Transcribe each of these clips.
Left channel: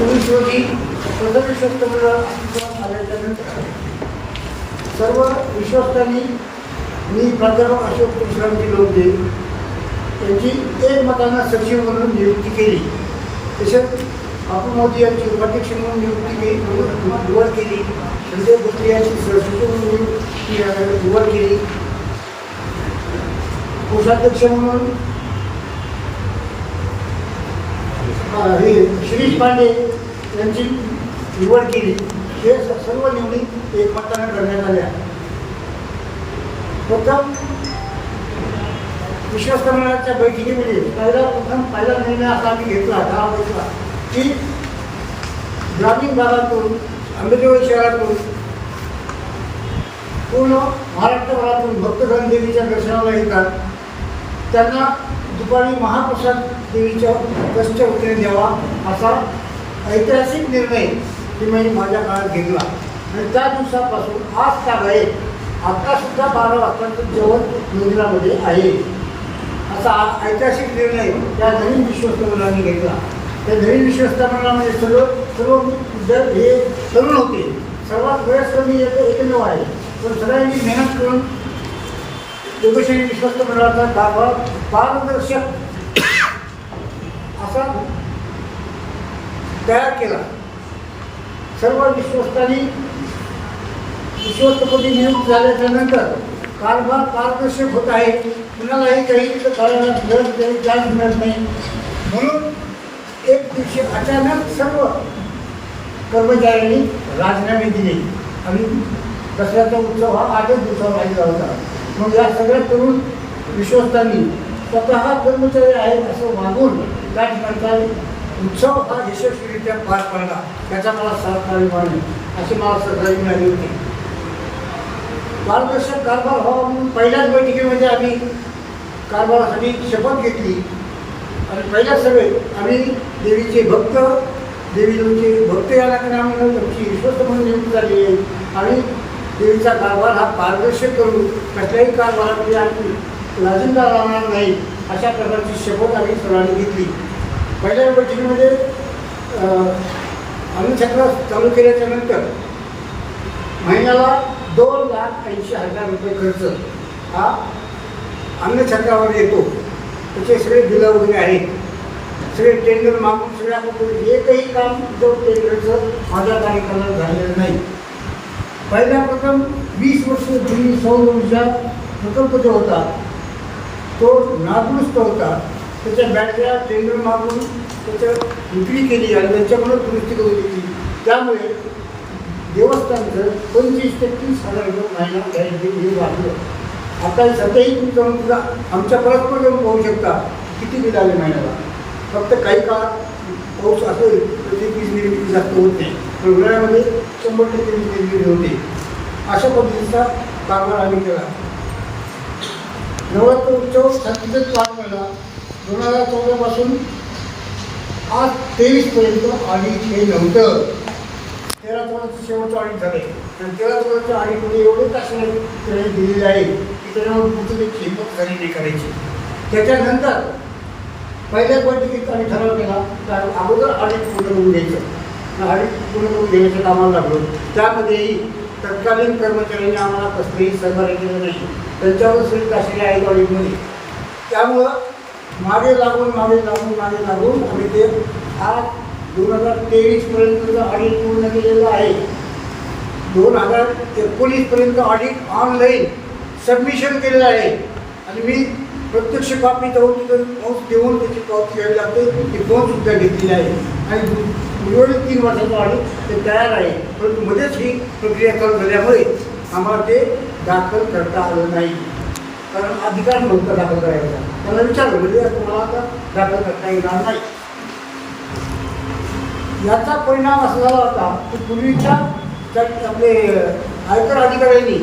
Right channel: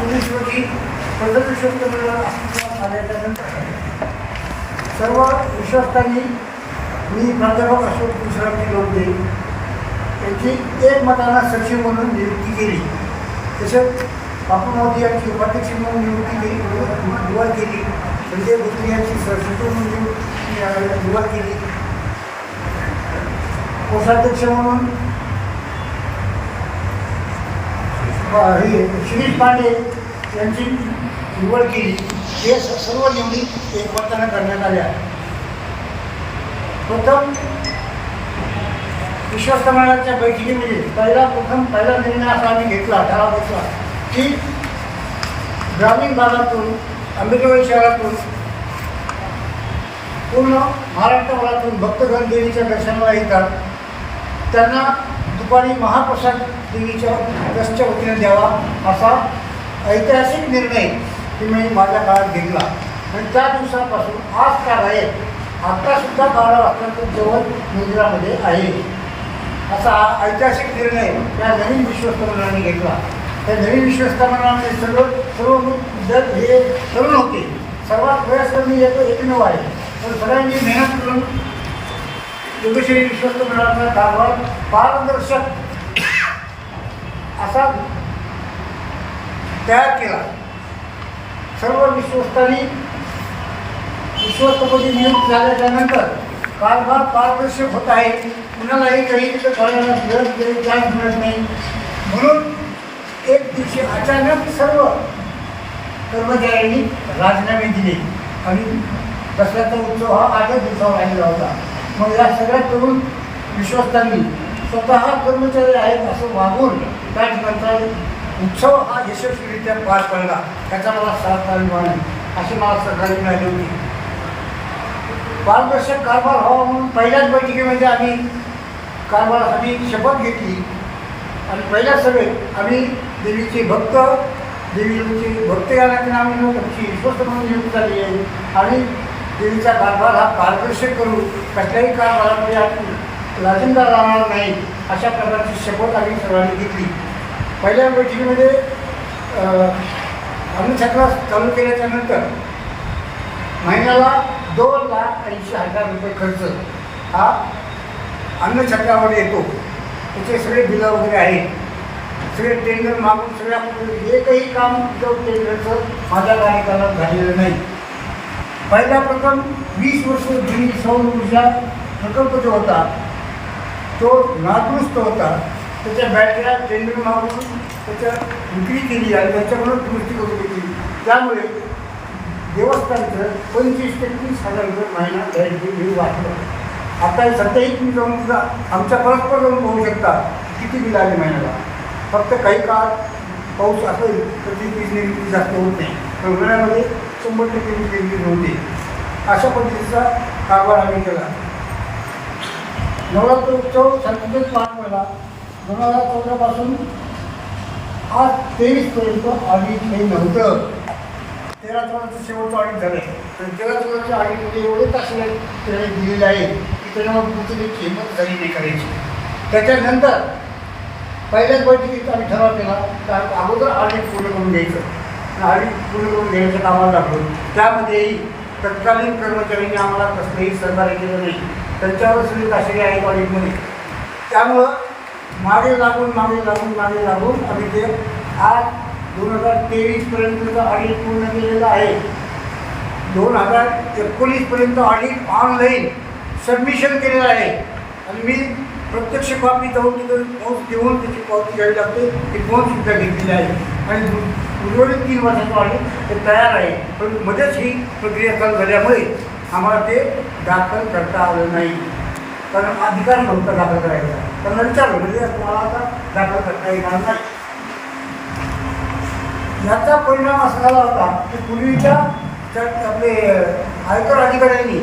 चोवीस रोजी प्रथम विश्वस्त आल्याच्यानंतर सर्व विश्वस्तांनी मी प्राध्यापक अशोक तुळशीरामजी लोकदे यांची एकमतानं सचिव म्हणून नियुक्ती केली. तसेच बापू मोदी यांची उपाध्यक्ष म्हणून नियुक्ती केली निवड केली. संजय भोसले यांची सहसचिव म्हणून नियुक्ती निवड केली. कोषाध्यक्ष म्हणून हे शिरीष पांडे यांची निवड केली. हे स- सर्व निवडी एकमतानं करण्यात आल्या. प्रथम विश्वस्त मंडळाच्या बैठकीमध्ये पहिला प्रथम पहिला निर्णय असा आम्ही घेतला ठराव घेतला की ग्रामीण भागातून अंबेजोगाई शहरातून पूर्ण महाराष्ट्रभरातून भक्तगण देवीच्या दर्शनाला येतात. त्यांना दुपारी महाप्रसाद देवीच्या ट्रस्टच्या वतीने द्यावा असा ऐतिहासिक निर्णय की मी माझ्या काळात घेतला. आणि त्या दिवसापासून आज का आहे आत्तासुद्धा बारा वाजताचं जेवण मंदिरामध्ये आहे. असा ऐतिहासिक निर्णय त्या नवीन विश्वस्त मंडळाने घेतला. त्या नवीन विश्वस्त मंडळामध्ये सर्व सर्व विद्यार्थी हे तरुण होते. सर्वात वयस्क मी एक एकमेव आहे. पण सगळ्यांनी मेहनत करून योगेश्वरी विश्वस्त मंडळाचा कारभार पारदर्शक असा तयार केला. सर्व विश्वस्तांनी विश्वस्तपदी नियुक्त झाल्याच्यानंतर कारभार पारदर्शक होत आहे. कुणालाही काही तिथं कळायला मिळत नाही चान्स मिळत नाही. म्हणून एक दिवशी अचानक सर्व कर्मचाऱ्यांनी राजीनामे दिले. आणि दसऱ्याचा उत्सव हा आठच दिवसावर राहिला होता. मग या सगळ्या तरुण विश्वस्तांनी स्वतः कर्मचारी आहेत असं वागून त्या ठिकाणचा उत्सव हा यशस्वीरित्या पार पडला. त्याचा मला सार्थ अभिमान आहे. असे मला सहकारी मिळाली होती. पारदर्शक कारभार व्हावा म्हणून पहिल्याच बैठकीमध्ये आम्ही कारभारासाठी शपथ घेतली. आणि पहिल्या सभेत आम्ही देवीचे भक्त देवीचे भक्त या नात्याने आम्ही आमची विश्वस्त म्हणून नियुक्त झाली आहे. आणि देवीचा कारभार हा पारदर्शक करू कसल्याही कारभारामध्ये आम्ही लाजिंदा राहणार नाही. अशा प्रकारची शपथ आम्ही सर्वांनी घेतली. पहिल्या बैठकीमध्ये अन्नछत्र चालू केल्याच्यानंतर महिन्याला दोन लाख ऐंशी हजार रुपये खर्च हा अन्नछत्रावर येतो. त्याचे सगळे बिलं वगैरे आहेत. सगळे टेंडर मागून सगळ्या पद्धती एकही काम विदाऊट टेंडरचं माझ्या कार्यकालात झालेलं नाही. पहिला प्रथम वीस वर्ष जुनी सौर ऊर्जा प्रकल्प जो होता तो नादुरुस्त होता. त्याच्या बॅटऱ्या टेंडर मागून त्याच्या विक्री केली आणि त्यांच्याकडून दुरुस्ती करून घेतली. त्यामुळे देवस्थानचं पंचवीस ते तीस हजार रुपये महिना लाइट बिल हे वाढलं. आता सध्याही तुम्ही जाऊन सुद्धा आमच्या परस्पर जाऊन पाहू शकता किती बिल आले महिन्याला. फक्त काही काळात पाऊस असेल तर ती वीज निर्मिती जास्त होत नाही. पण उन्हाळ्यामध्ये शंभर टक्के वीज निर्मिती होते. अशा पद्धतीचा कारभार आम्ही केला. नवरात्र उत्सव शांततेत पार पडला. दोन हजार चौदापासून आज तेवीसपर्यंत ऑडिट हे नव्हतं. तेरा चौदाचं शेवटचं ऑडिट झालं आहे तेरा चौदाच्या ऑडिटमध्ये एवढे तास त्याने दिलेले आहे की त्याच्यामुळे पुढची त्याची हिंमत झाली नाही करायची. त्याच्यानंतर पहिल्याच बैठकीत आम्ही ठराव केला तर अगोदर ऑडिट पूर्ण करून घ्यायचं. ऑडिट पूर्ण करून घेण्याचं कामाला लागलो. त्यामध्येही तत्कालीन कर्मचाऱ्यांनी आम्हाला कसलंही सहकार्य केलं नाही. त्यांच्यावर सगळे ताशेरे आहेत ऑडिटमध्ये त्यामुळं मागे लागून मागे लागून मागे लागून आम्ही ते आज दोन हजार तेवीसपर्यंतचं ऑडिट पूर्ण केलेलं आहे. दोन हजार एकोणीसपर्यंत ऑडिट ऑनलाईन सबमिशन केलेलं आहे. आणि मी प्रत्यक्ष कॉपी जाऊन तिथं पोहोच देऊन त्याची पावती घ्यावी लागते ती पोहोचसुद्धा घेतलेली आहे. आणि दु- तीन वर्षाचं ऑडिट ते तयार आहे. पण मध्येच ही प्रक्रिया चालू झाल्यामुळे आम्हाला ते दाखल करता आलं नाही. कारण अधिकार नव्हता दाखल करायचा. त्यांना विचारलं म्हणजे तुम्हाला आता दाखल करता येणार नाही. याचा परिणाम असा झाला होता की पूर्वीच्या आपले आयकर अधिकाऱ्यांनी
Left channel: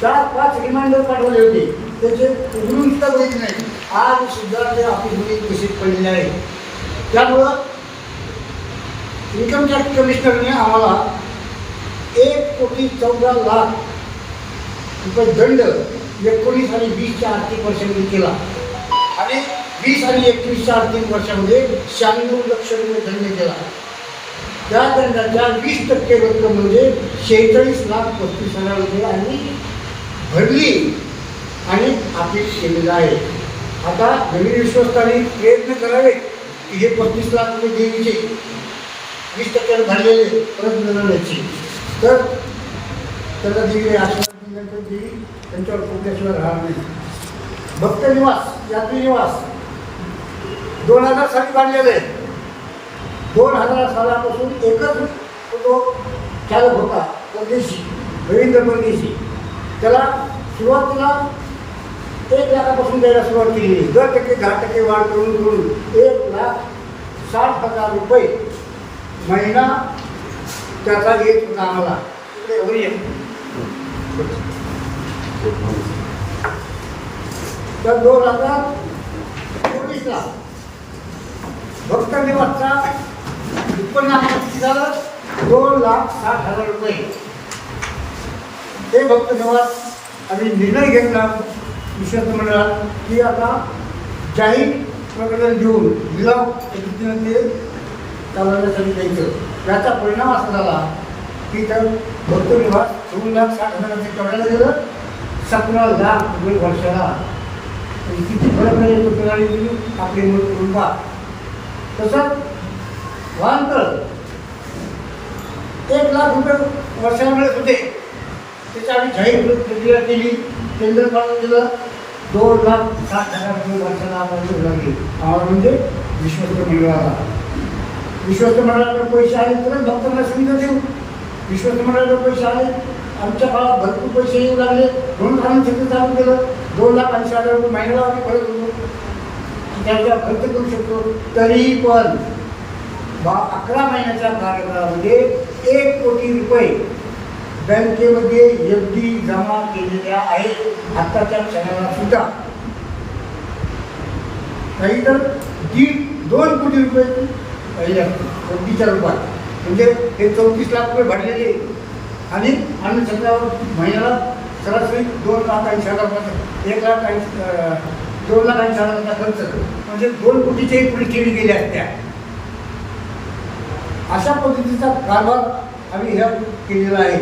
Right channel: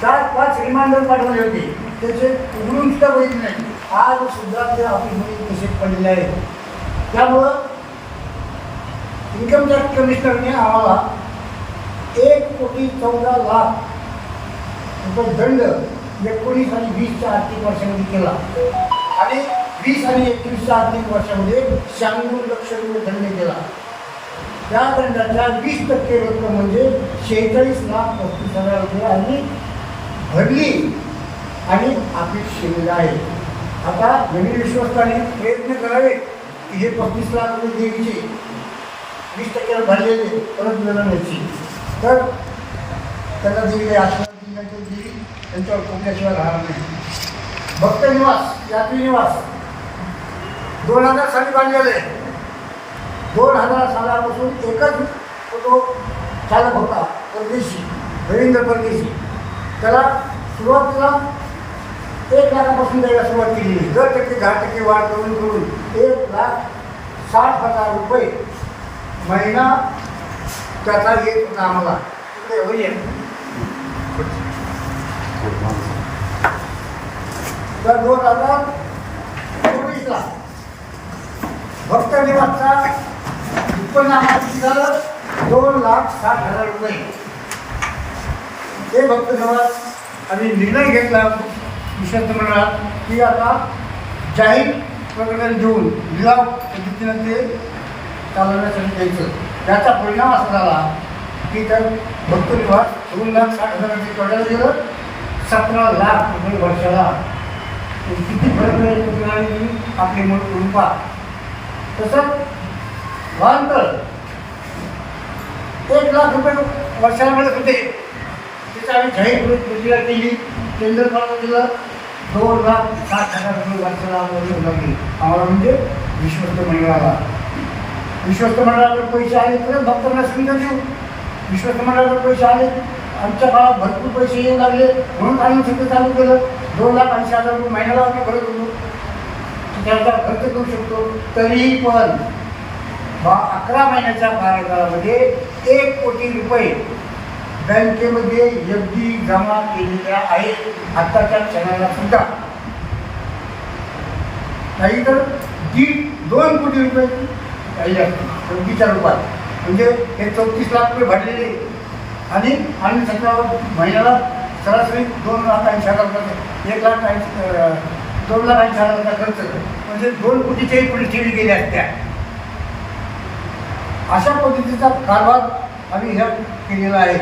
चार पाच रिमाइंडर पाठवले होते. त्याचे उघडून सुद्धा बघितले नाही. आज सुद्धा ते ऑफिसमध्ये केसेस पडलेले आहेत. त्यामुळं इन्कम टॅक्स कमिशनरने आम्हाला एक कोटी चौदा लाख रुपये दंड एकोणीस आणि वीसच्या आर्थिक वर्षामध्ये केला. आणि वीस आणि एकवीसच्या आर्थिक वर्षामध्ये शहाण्णव लक्ष रुपये दंड केला. त्या दंडाच्या वीस टक्के रक्कम म्हणजे शेहेचाळीस लाख पस्तीस हजार रुपये आणि भरली आणि आपली केलेलं आहे. आता नवीन विश्वस्ताने प्रयत्न करावे की हे पस्तीस लाख रुपये देवीचे. वीस टक्क्यावर भरलेले परत मिळवण्याची तर त्यांना देवी आश्रम दिल्यानंतर देवी त्यांच्यावर खोकल्याशिवाय राहणार नाही. भक्त निवास यात्री निवास. दोन हजार साली बांधलेले आहे दोन हजार सालापासून एकच तो चालक होता परदेशी रवींद्र परदेशी. त्याला सुरुवातीला एक लाखापासून द्यायला सुरुवात केली दर टक्के दहा टक्के वाढ करून करून एक लाख साठ हजार रुपये महिना त्याचा येत होता आम्हाला. इकडे तर दोन हजार चोवीसला भक्त निवासचा उत्पन्न आम्हाला किती झालं? दोन लाख साठ हजार रुपये. ते भक्त निवास आम्ही निर्णय घेतला विश्वस्त मंडळात की आता जाहीर प्रकरण देऊन लिलाव पद्धतीनं ते चालवण्यासाठी द्यायचं याचा परिणाम असा झाला की तर भक्त निवास दोन लाख साठ हजाराचे कवड्याला दिलं. सतरा लाख रुपये वर्षाला. किती फरक आहे तो किराणी आपली मूळ करून तसं तसंच वाहनतळ एक लाख रुपये वर्षाला मिळत होते. त्याची आम्ही जाहीर प्रक्रिया केली. केंद्र काढून दिलं. दोन लाख साठ हजार रुपये वर्षाला आम्हाला लागली. आम्हाला म्हणजे विश्वस्त मंडळाला. विश्वस्त मंडळाकडे पैसे आले तरच भक्तांना सुविधा देऊ. विश्वस्त मंडळाकडे पैसे आले आमच्या काळात भरपूर पैसे येऊ लागले म्हणून आम्ही सगळं चालू केलं. दोन लाख ऐंशी हजार रुपये महिन्याला आम्ही भरत होतो. त्याचा खर्च करू शकतो. तरीही पण बा अकरा महिन्याच्या कार्यकाळामध्ये एक कोटी रुपये बँकेमध्ये एफ डी जमा केलेल्या आहेत. आत्ताच्या क्षणाला सुद्धा. काही तर दीड दोन कोटी रुपये राहिले असतील एफ रूपात. म्हणजे हे चौतीस लाख रुपये भरलेले आणि आम्ही सतरावर महिन्याला सरासरी दोन लाख ऐंशी हजार रुपये एक लाख ऐंशी दोन लाख ऐंशी हजाराचा खर्च म्हणजे दोन कोटीच्याही पुढे ठेवी गेल्या असत्या. अशा पद्धतीचा कारभार आम्ही ह्या केलेला आहे.